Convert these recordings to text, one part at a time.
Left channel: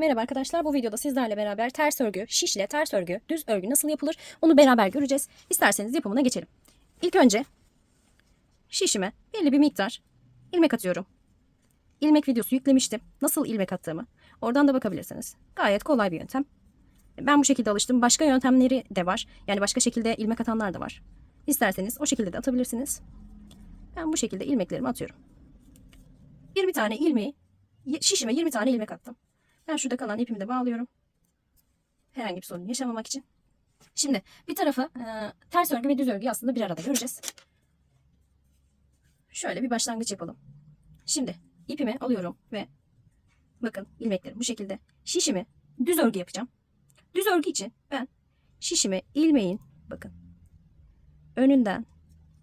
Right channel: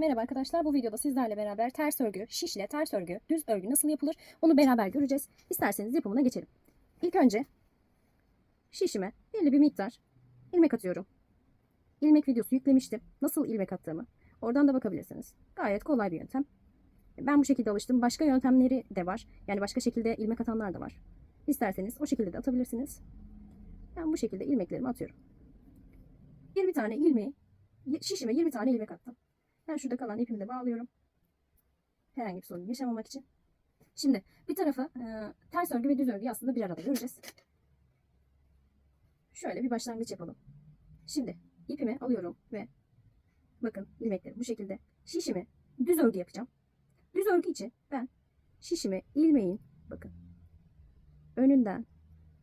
Merhaba arkadaşlar bu videoda sizlerle beraber ters örgü, şişle ters örgü, düz örgü nasıl yapılır onu beraber göreceğiz. İsterseniz yapımına geçelim. İlk önce şişime belli bir miktar ilmek atıyorum. İlmek videosu yüklemiştim. Nasıl ilmek attığımı oradan da bakabilirsiniz. Gayet kolay bir yöntem. Ben bu şekilde alıştım. Başka yöntemleri de var. Yani başka şekilde ilmek atanlar da var. İsterseniz o şekilde de atabilirsiniz. Ben bu şekilde ilmeklerimi atıyorum. 20 tane ilmeği şişime 20 tane ilmek attım. Ben şurada kalan ipimi de bağlıyorum. Herhangi bir sorun yaşamamak için. Şimdi bir tarafı e, ters örgü ve düz örgüyü aslında bir arada göreceğiz. Şöyle bir başlangıç yapalım. Şimdi ipimi alıyorum ve bakın ilmeklerim bu şekilde. Şişimi düz örgü yapacağım. Düz örgü için ben şişimi ilmeğin bakın önünden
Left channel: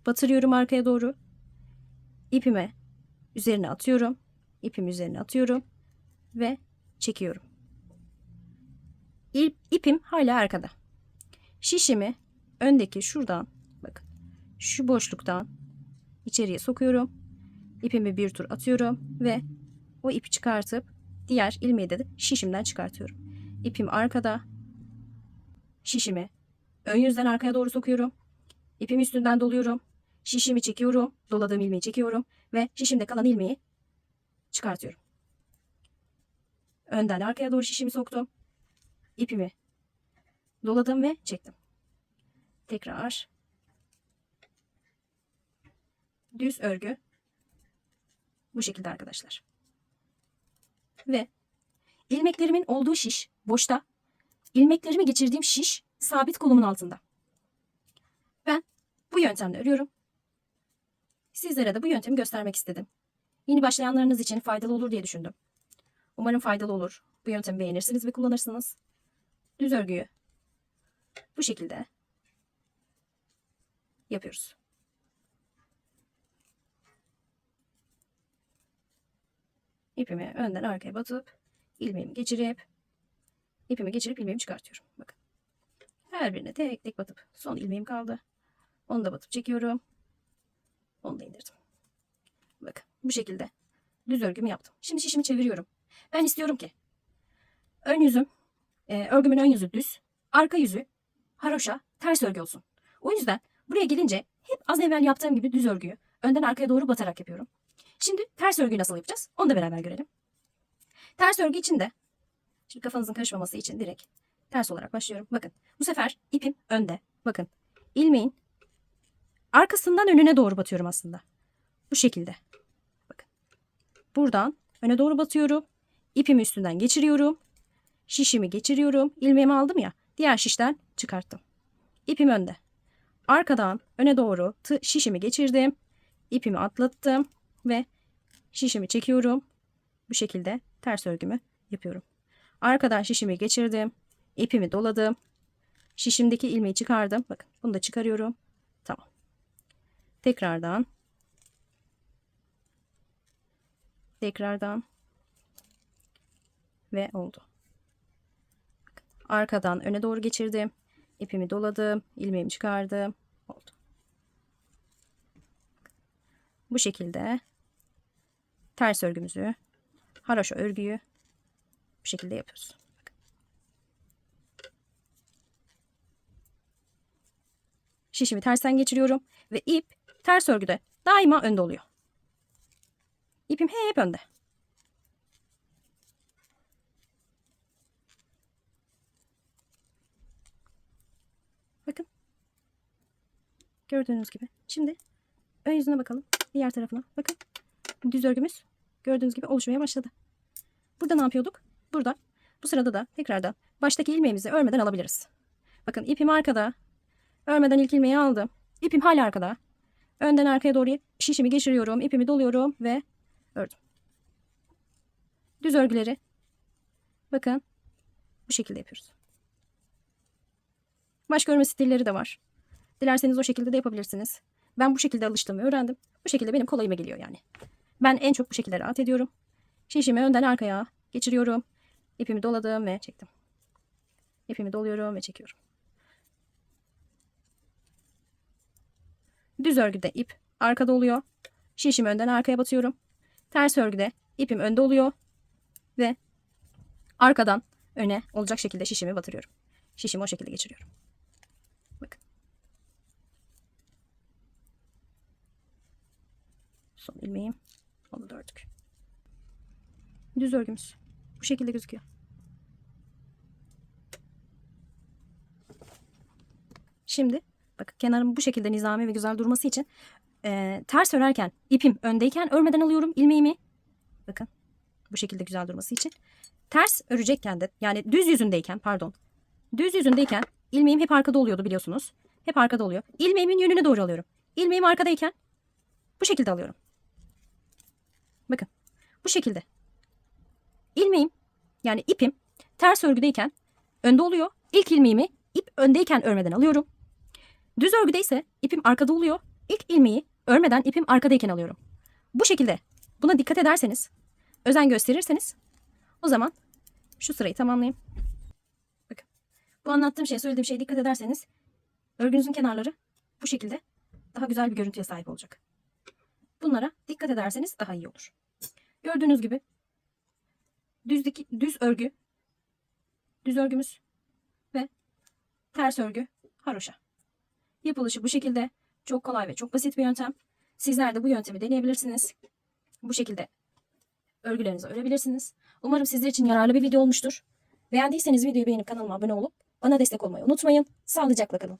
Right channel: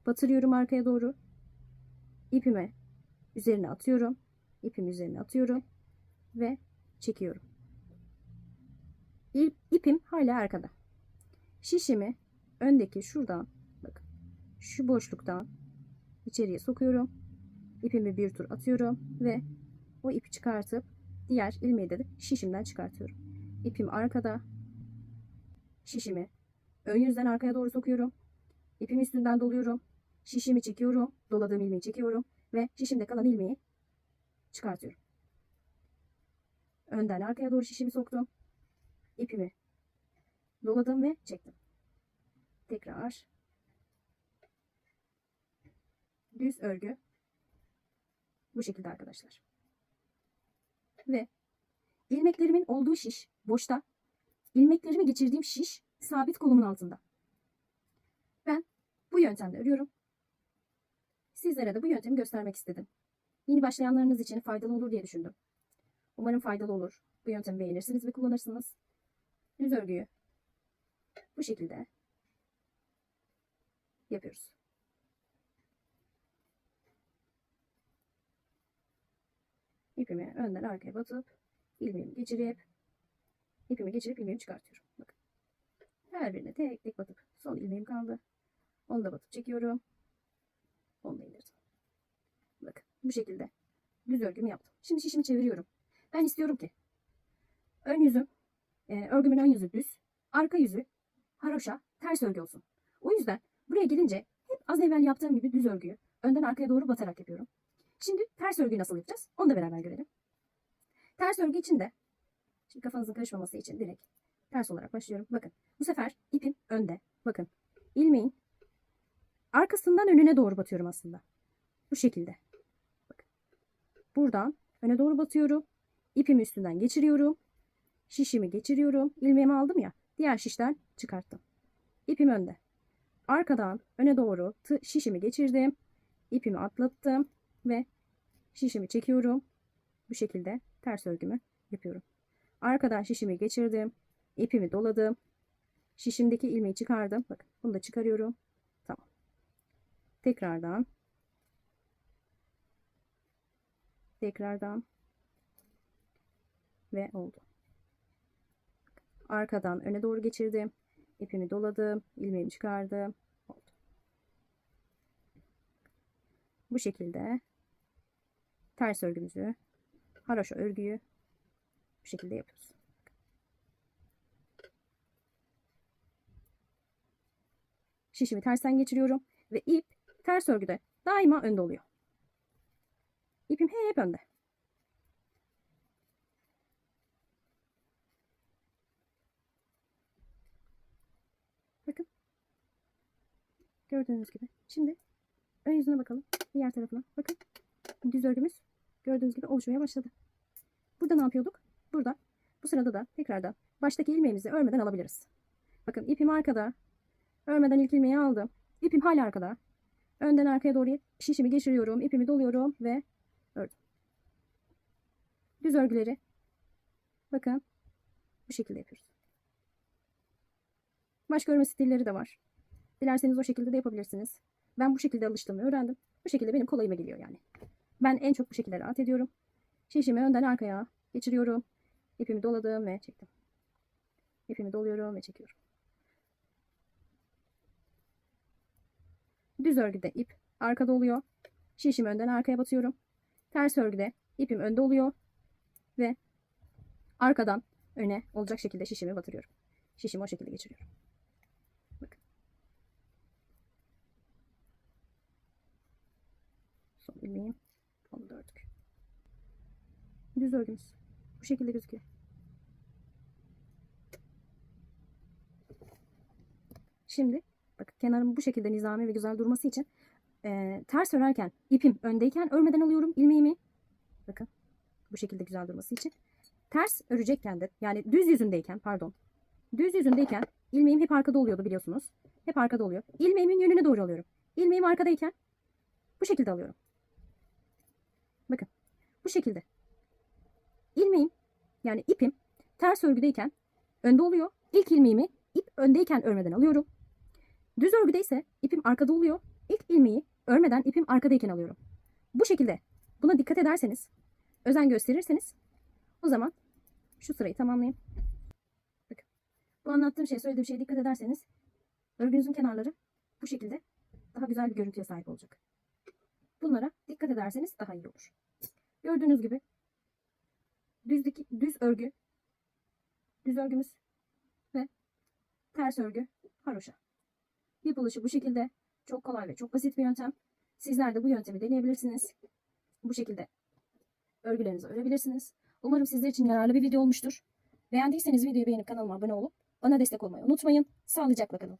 batırıyorum arkaya doğru. İpime üzerine atıyorum. İpimi üzerine atıyorum ve çekiyorum. İp, ipim hala arkada. Şişimi öndeki şuradan bakın şu boşluktan içeriye sokuyorum. İpimi bir tur atıyorum ve o ipi çıkartıp diğer ilmeği de şişimden çıkartıyorum. İpim arkada. Şişimi ön yüzden arkaya doğru sokuyorum. İpimi üstünden doluyorum. Şişimi çekiyorum. Doladığım ilmeği çekiyorum ve şişimde kalan ilmeği çıkartıyorum. Önden arkaya doğru şişimi soktum. İpimi doladım ve çektim. Tekrar düz örgü bu şekilde arkadaşlar. Ve ilmeklerimin olduğu şiş boşta. ilmeklerimi geçirdiğim şiş sabit kolumun altında. Ben bu yöntemle örüyorum. Sizlere de bu yöntemi göstermek istedim. Yeni başlayanlarınız için faydalı olur diye düşündüm. Umarım faydalı olur. Bu yöntemi beğenirsiniz ve kullanırsınız. Düz örgüyü bu şekilde yapıyoruz. İpimi önden arkaya batıp ilmeğimi geçirip ipimi geçirip ilmeğimi çıkartıyorum. Bakın. Her birine tek tek batıp son ilmeğim kaldı. Onu da batıp çekiyorum. Onu da indirdim. Bakın bu şekilde düz örgümü yaptım. Şimdi şişimi çeviriyorum. Ben istiyorum ki ön yüzüm, e, örgümün ön yüzü düz, arka yüzü haroşa, ters örgü olsun. O yüzden buraya gelince hep az evvel yaptığım gibi düz örgüyü önden arkaya doğru batarak yapıyorum. Şimdi ters örgüyü nasıl yapacağız? Onu da beraber görelim. Ters örgü için de şimdi kafanızın karışmaması için direkt ters olarak başlıyorum. Bakın bu sefer ipim önde. Bakın ilmeğin arkasından önüne doğru batıyorum aslında. Bu şekilde. Bakın. Buradan öne doğru batıyorum. İpimi üstünden geçiriyorum. Şişimi geçiriyorum. İlmeğimi aldım ya. Diğer şişten çıkarttım. İpim önde. Arkadan öne doğru şişimi geçirdim. İpimi atlattım ve şişimi çekiyorum. Bu şekilde ters örgümü yapıyorum. Arkadan şişimi geçirdim. İpimi doladım. Şişimdeki ilmeği çıkardım. Bakın bunu da çıkarıyorum. Tamam. Tekrardan tekrardan ve oldu. Arkadan öne doğru geçirdim. İpimi doladım. ilmeğimi çıkardım. Oldu. Bu şekilde ters örgümüzü, haroşa örgüyü bu şekilde yapıyoruz. Şişimi tersten geçiriyorum ve ip ters örgüde daima önde oluyor. İpim hep önde. Bakın. Gördüğünüz gibi. Şimdi ön yüzüne bakalım. Diğer tarafına. Bakın. Düz örgümüz gördüğünüz gibi oluşmaya başladı. Burada ne yapıyorduk? Burada. Bu sırada da tekrardan baştaki ilmeğimizi örmeden alabiliriz. Bakın ipim arkada. Örmeden ilk ilmeği aldım. İpim hala arkada. Önden arkaya doğru şişimi geçiriyorum. ipimi doluyorum ve ördüm. Düz örgüleri bakın bu şekilde yapıyoruz. Başka örme stilleri de var. Dilerseniz o şekilde de yapabilirsiniz. Ben bu şekilde alıştım ve öğrendim. Bu şekilde benim kolayıma geliyor yani. Ben en çok bu şekilde rahat ediyorum. Şişimi önden arkaya geçiriyorum. İpimi doladım ve çektim. İpimi doluyorum ve çekiyorum. Düz örgüde ip arkada oluyor. Şişimi önden arkaya batıyorum. Ters örgüde ipim önde oluyor ve arkadan öne olacak şekilde şişimi batırıyorum. Şişimi o şekilde geçiriyorum. Bakın. Son ilmeğim. Onu da ördük. Düz örgümüz. Bu şekilde gözüküyor. Şimdi bakın kenarım bu şekilde nizami ve güzel durması için eee, ters örerken ipim öndeyken örmeden alıyorum ilmeğimi. Bakın bu şekilde güzel durması için. Ters örecekken de yani düz yüzündeyken pardon. Düz yüzündeyken ilmeğim hep arkada oluyordu biliyorsunuz. Hep arkada oluyor. İlmeğimin yönüne doğru alıyorum. İlmeğim arkadayken bu şekilde alıyorum. Bakın bu şekilde. İlmeğim yani ipim ters örgüdeyken önde oluyor. İlk ilmeğimi ip öndeyken örmeden alıyorum. Düz örgüde ise ipim arkada oluyor. İlk ilmeği örmeden ipim arkadayken alıyorum. Bu şekilde buna dikkat ederseniz, özen gösterirseniz o zaman şu sırayı tamamlayayım. Bakın. Bu anlattığım şeye, söylediğim şeye dikkat ederseniz örgünüzün kenarları bu şekilde daha güzel bir görüntüye sahip olacak. Bunlara dikkat ederseniz daha iyi olur. Gördüğünüz gibi düz, diki- düz örgü, düz örgümüz ve ters örgü haroşa. Yapılışı bu şekilde çok kolay ve çok basit bir yöntem. Sizler de bu yöntemi deneyebilirsiniz. Bu şekilde örgülerinizi örebilirsiniz. Umarım sizler için yararlı bir video olmuştur. Beğendiyseniz videoyu beğenip kanalıma abone olup bana destek olmayı unutmayın. Sağlıcakla kalın.